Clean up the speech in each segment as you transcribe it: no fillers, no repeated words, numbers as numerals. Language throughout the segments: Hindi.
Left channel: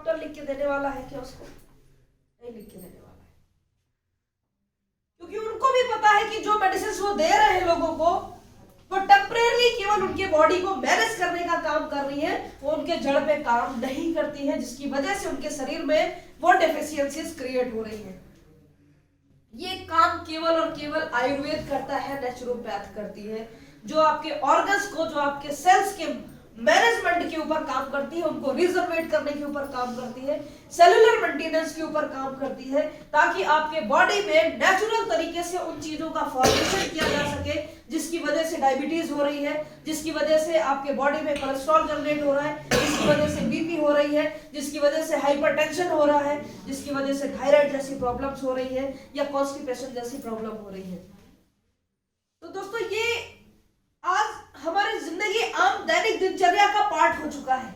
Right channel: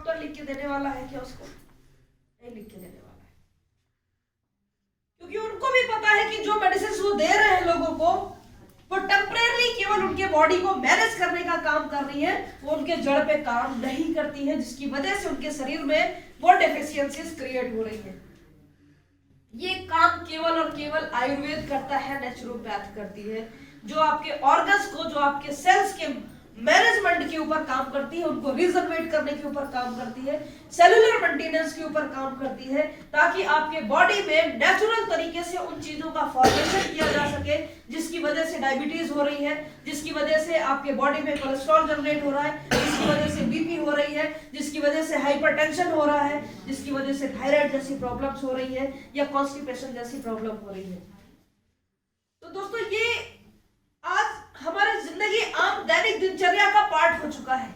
डॉक्टर लिख के देने वाला है क्या उसको? नहीं लिख के देने वाला है, क्योंकि उनको भी पता है कि जो मेडिसिन वो दे रहे हैं लोगों को वो टेम्परेरी केवल उनके बॉडी को मैनेज करने का काम कर रही है, वो उनके जड़ पे काम नहीं करती है, जिसकी वजह से उनके शरीर में वो डेफिशिएंसीज क्रिएट हो रही है। ये काम केवल और केवल आयुर्वेद करता है, नेचुरोपैथ करती है, जो आपके ऑर्गन्स को, जो आपके सेल्स के मैनेजमेंट के ऊपर काम करती है, उनको रिजनरेट करने के ऊपर काम करती है, सेलुलर मेंटेनेंस के ऊपर काम करती है, ताकि आपके बॉडी में नेचुरल तरीके से उन चीजों का फॉर्मेशन किया जा सके, जिसकी वजह से डायबिटीज हो रही है, जिसकी वजह से आपके बॉडी में कोलेस्ट्रॉल जनरेट हो रहा है, जिसकी वजह से बीपी हो रही है, जिसकी वजह से हाइपरटेंशन हो रहा है, जिसकी वजह से थायराइड जैसी प्रॉब्लम्स हो रही है या कॉन्स्टिपेशन जैसी प्रॉब्लम हो रही है। तो दोस्तों ये आज हमारी जिंदगी आम दैनिक दिनचर्या का पार्ट हो चुका है,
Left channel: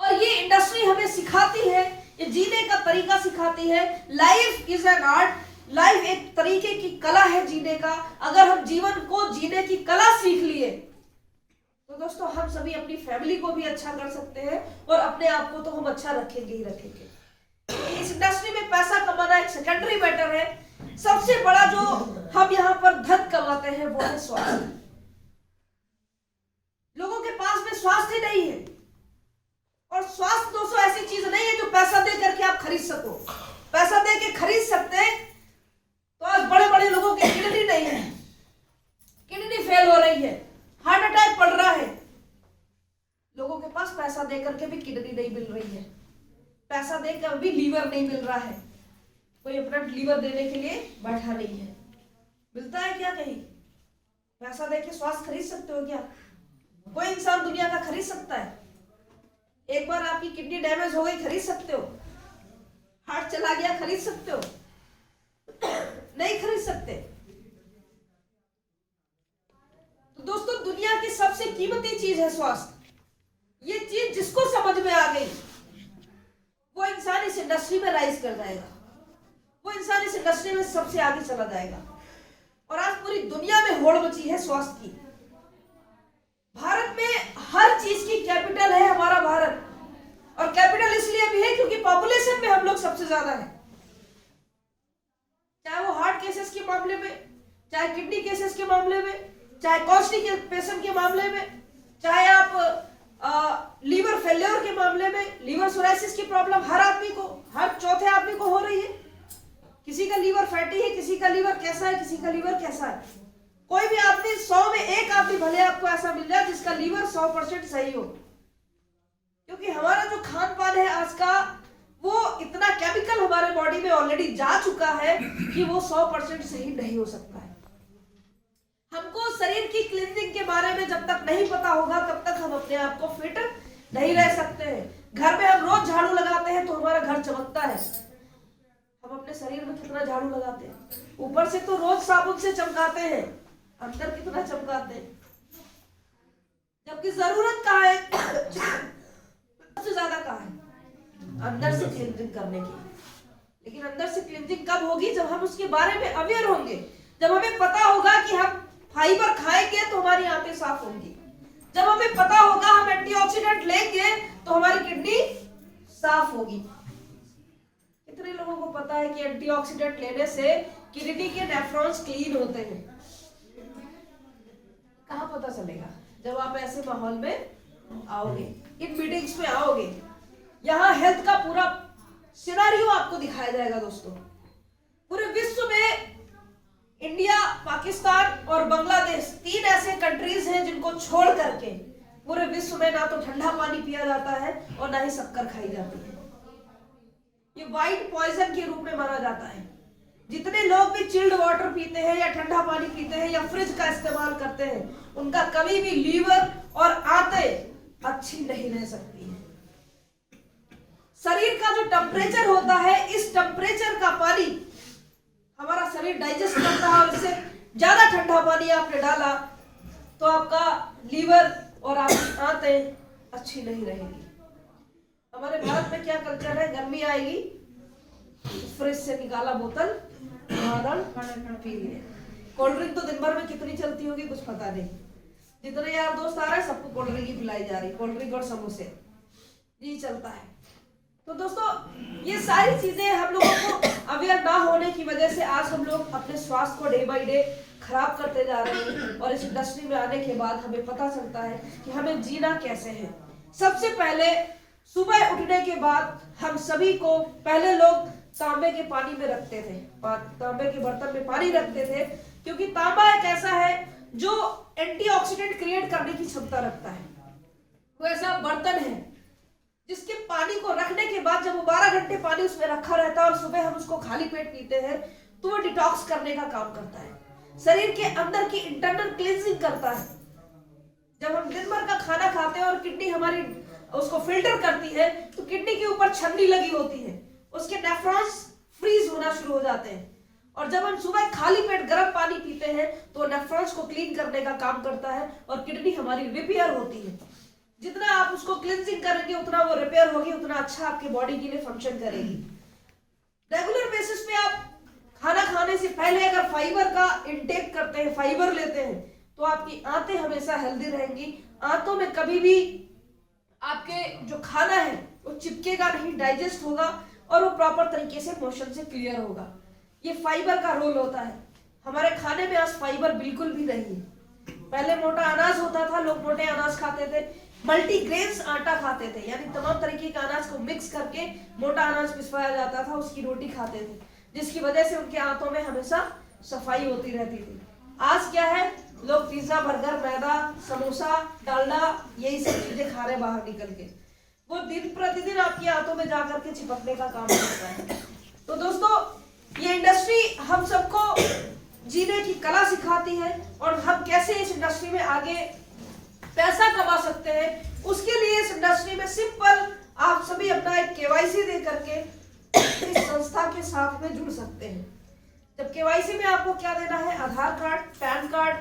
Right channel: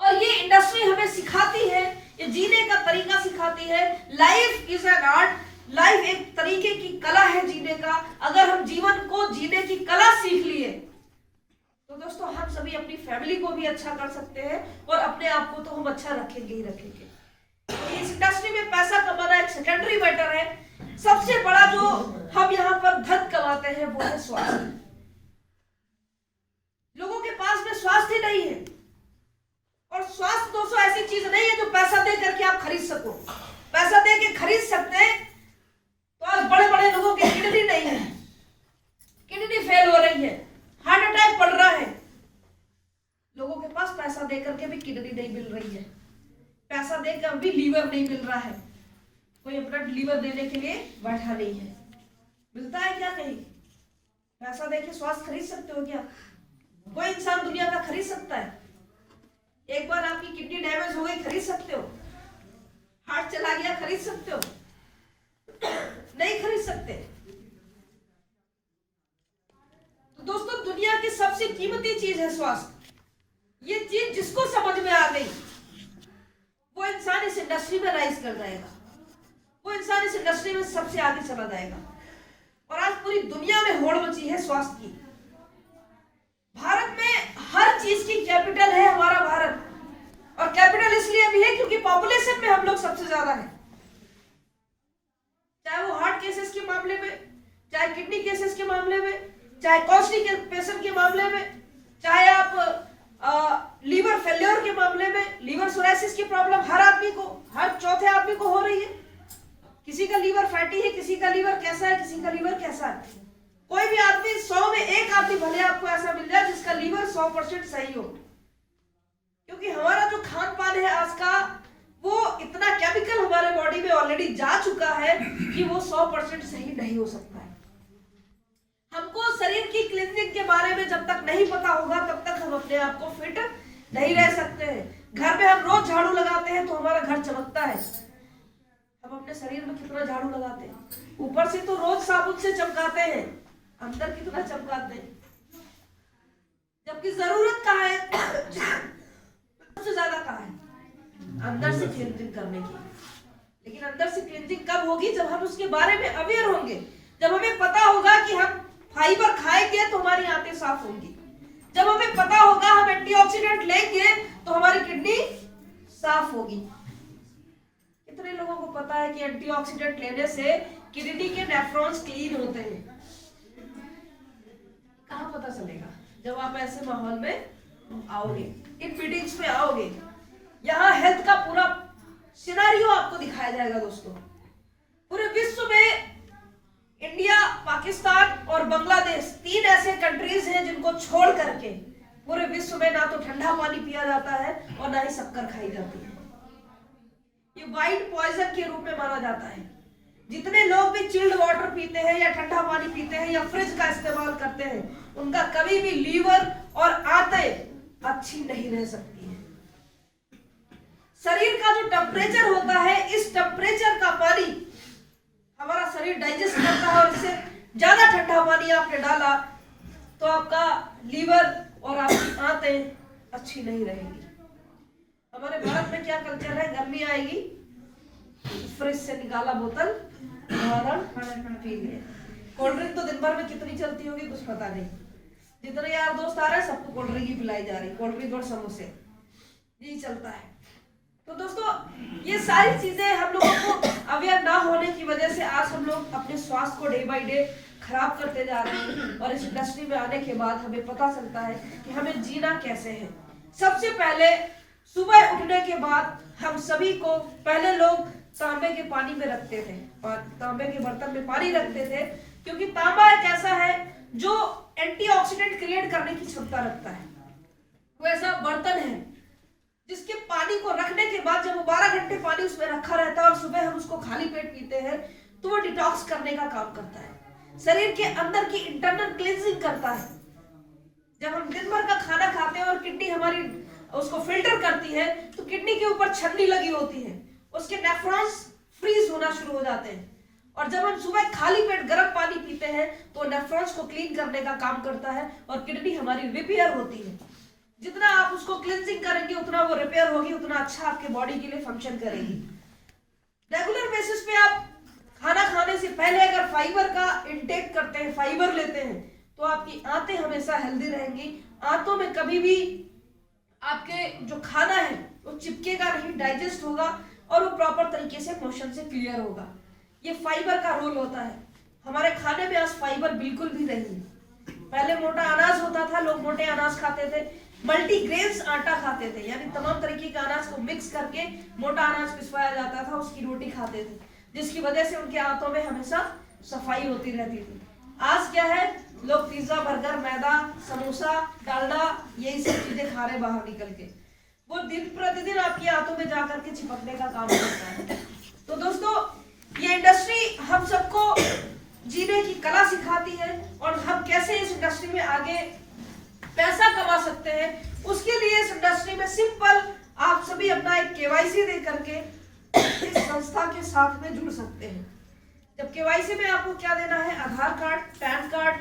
और ये इंडस्ट्री हमें सिखाती है, ये जीने का तरीका सिखाती है। Life is an art, life एक तरीके की कला है जीने का। अगर हम जीवन को जीने की कला सीख लिए तो दोस्तों हम सभी अपनी फैमिली को भी अच्छा कर सकते हैं, और अपने आप को तो हम अच्छा रखेंगे ही रखेंगे। तो इस इंडस्ट्री में पैसा कमाना एक सेकेंडरी मैटर है। सबसे बड़ा जो हम यहाँ पर धन कमाते हैं वो है स्वास्थ्य। लोगों के पास में स्वास्थ्य नहीं है, और स्वास्थ्य दोस्तों ऐसी चीज नहीं है जो पैसा दे करके आप खरीद सको। पैसा दे के खरीद सकते हैं तो आज बड़े बड़े लोगों के किडनी नहीं है, किडनी फेल हो रही है, हार्ट अटैक पड़ रहा है। लोगों के पास पैसा दे करके भी किडनी नहीं मिल रही है, पैसा देकर भी लीवर नहीं मिल रहा है, कोई अपना लीवर देने के लिए बैठा नहीं है। मिलता है क्या कहीं? पैसा देके स्वास्थ्य खरीद सकते हो क्या? कोई इंसान दुनिया का खरीद सकता है? एक बार आपकी किडनी डैमेज हो गई खरीद सकते हो? हार्ट चला गया खरीद सकते हो? नहीं खरीद सकते। तो दोस्तों दुनिया की सबसे कीमती चीज है स्वास्थ्य। ये चीज जिसको समझ में आ गई वो इंसान इस इंडस्ट्री में राइज कर जाएगा, वो इंसान इस इंडस्ट्री में सबसे आगे चला जाएगा। और आज पूरी दुनिया में होड़ मची है स्वास्थ्य की। भारत में हर चीज की कैपिटल है हमारा भारत, और कैपिटल इसलिए भी है क्योंकि पॉपुलेशन में हम लोग सबसे ज्यादा है। चाहे वो हार्ट केसेस के मामले में, चाहे किडनी केसेस के मामले में, चाहे कॉन्स्टिपेशन के मामले में, चाहे आप लीवर फेल्योर के मामले में, लीवर सोराइसिस की प्रॉब्लम हर आदमी को, हर चौथे आदमी को हो रही है। किसी का लीवर फैटी है, किसी का लीवर कैसा है, किसी का लीवर कैसा है। कोई भी आदमी 100 में एक आदमी भले आपको ऐसा मिल जाए जिसका लीवर 100% सही हो, क्योंकि हमारा जो खान पान है आज का वो इतना केमिकल हमारे बॉडी में ऑलरेडी जा चुका है कि वो 100% सही नहीं हो सकता है। हमको शरीर की क्लीनिंग के बारे में जब तक नहीं पता होगा तब तक हम अपने आप को फिट नहीं रह सकते हैं। घर में हम रोज झाड़ू लगाते हैं तो हमारा घर चमकता है। हम अपने शरीर में कितना झाड़ू लगाते हैं? ऊपर से तो रोज साबुन से चमकाते हैं, अंदर कितना चमकाते हैं? जबकि जरूरत कहाँ है सबसे ज्यादा कहाँ है? अंदर से क्लीनिंग करने की। लेकिन अंदर से क्लीनिंग कब होगी? जब हम उसके बारे में अवेयर होंगे, जब हमें पता होगा कि हम फाइबर खाएंगे तो हमारी आंतें साफ होंगी, जब हमें पता होगा हम एंटीऑक्सीडेंट लेंगे तो हमारी किडनी साफ होगी। कितने लोगों को पता है कि एंटीऑक्सीडेंट लेने से किडनी के नेफ्रॉन्स क्लीन होते हैं? कहाँ पता चलेगा? जब आप ऐसे माहौल में आओगे, इन मीटिंग्स में आओगे, यहाँ हेल्थ का पूरा सिनेरियो आपको दिखाया जाएगा। दोस्तों पूरे विश्व में इंडिया, पाकिस्तान और बांग्लादेश 3 ऐसे कंट्रीज हैं जिनको छोड़ करके पूरे विश्व में ना तो ठंडा पानी पिया जाता है और ना ही शक्कर खाई जाती है। ये वाइट पॉइजन के रूप में माना जाता है। जितने लोग भी चिल्ड वाटर पीते हैं या ठंडा पानी पीते हैं या फ्रिज का इस्तेमाल करते हैं, उनका कभी भी लीवर और आंतें अच्छी नहीं रह सकती है। शरीर का जो टेम्परेचर होता है, इस टेम्परेचर का पानी हमारा शरीर डाइजेस्ट करता है, और इससे ज्यादा ठंडा पानी आपने डाला तो आपका लीवर और आपकी आंतें अच्छी नहीं रहेगी। हमारे भारत में क्या कल्चर है? गर्मी आएगी फ्रिज से निकाला बोतल पी लिए। कोल्ड ड्रिंक तो दिन भर में कितनी चलती होगी कुछ पता नहीं। जितने यार दोस्त आ रहे हैं सबको कोल्ड ड्रिंक ही पिलाई जा रही, कोल्ड ड्रिंक और समोसे जी चलता है। तो दोस्तों ये सारी चीजें हम लोगों को अवेयर ना होने की वजह से आज हम लोग अपने स्वास्थ्य को डे बाय डे खराब करते जा रहे हैं। और इस इंडस्ट्री में आने के बाद हमें पता चलता है कि हमें जीना कैसे है। सबसे पहले सुबह उठने के बाद हम सभी को, पहले लोग तांबे के पानी में रखते थे, तांबे के बर्तन में पानी रखते थे, क्योंकि तांबा एक ऐसा है जो एंटीऑक्सीडेंट क्रिएट करने की क्षमता रखता है। वो ऐसा बर्तन है जिसके पानी को रखने के बाद जब 12 घंटे पानी उसमें रखा रहता है और सुबह हम उसको खाली पेट पीते हैं तो वो डिटॉक्स करने का काम करता है, शरीर के अंदर की इंटरनल क्लींजिंग करता है। जब हम दिन भर का खाना खाते हैं और किडनी हमारी उसको फिल्टर करती है तो किडनी के ऊपर छन्नी लगी होती है, उसके नेफ्रॉन्स फ्रीज होना शुरू हो जाते हैं। और जब हम सुबह खाली पेट गर्म पानी पीते हैं तो नेफ्रॉन्स को क्लीन करने का काम करता है और किडनी हमारी रिपेयर होती है। जितना आप उसको क्लींजिंग करेंगे उतना वो रिपेयर होगी, उतना अच्छा आपके बॉडी के लिए फंक्शन करेगी। रेगुलर बेसिस पे आप खाना खाने से पहले अगर फाइबर का इंटेक करते हैं, फाइबर लेते हैं, तो आपकी आंतें हमेशा हेल्दी रहेंगी। आंतों में कभी भी आपके जो खाना है वो चिपकेगा नहीं, डाइजेस्ट होगा और वो प्रॉपर तरीके से मोशन से क्लियर होगा। ये फाइबर का रोल होता है। हमारे खाने में आज फाइबर बिल्कुल भी नहीं है। पहले मोटा अनाज होता था, लोग मोटे अनाज खाते थे, मल्टीग्रेन्स आटा खाते थे, यानी तमाम तरीके के अनाज को मिक्स करके मोटा अनाज पिसवाया जाता था, उसकी रोटी खाते थे, जिसकी वजह से उनके आंतों में हमेशा सफाई होती रहती थी। आज क्या है, लोग पिज्जा, बर्गर, मैदा, समोसा, डालडा, यही सब चीजें खा रहे बाहर निकल के। वो दिन प्रतिदिन आपकी आंतों में जाकर के चिपकने का काम करता है। तो दोस्तों ये इंडस्ट्री हम सबको जीने की कला सिखाती है और हम कैसे इस इंडस्ट्री में आगे पैसा कमा सकते हैं, उसके लिए इस इंडस्ट्री में सिंपल आप सभी अपना एक केवाईसी दे करके इस संस्था के साथ में जुड़ सकते हैं। जब केवाईसी में आपको क्या देना है, आधार कार्ड, पैन कार्ड,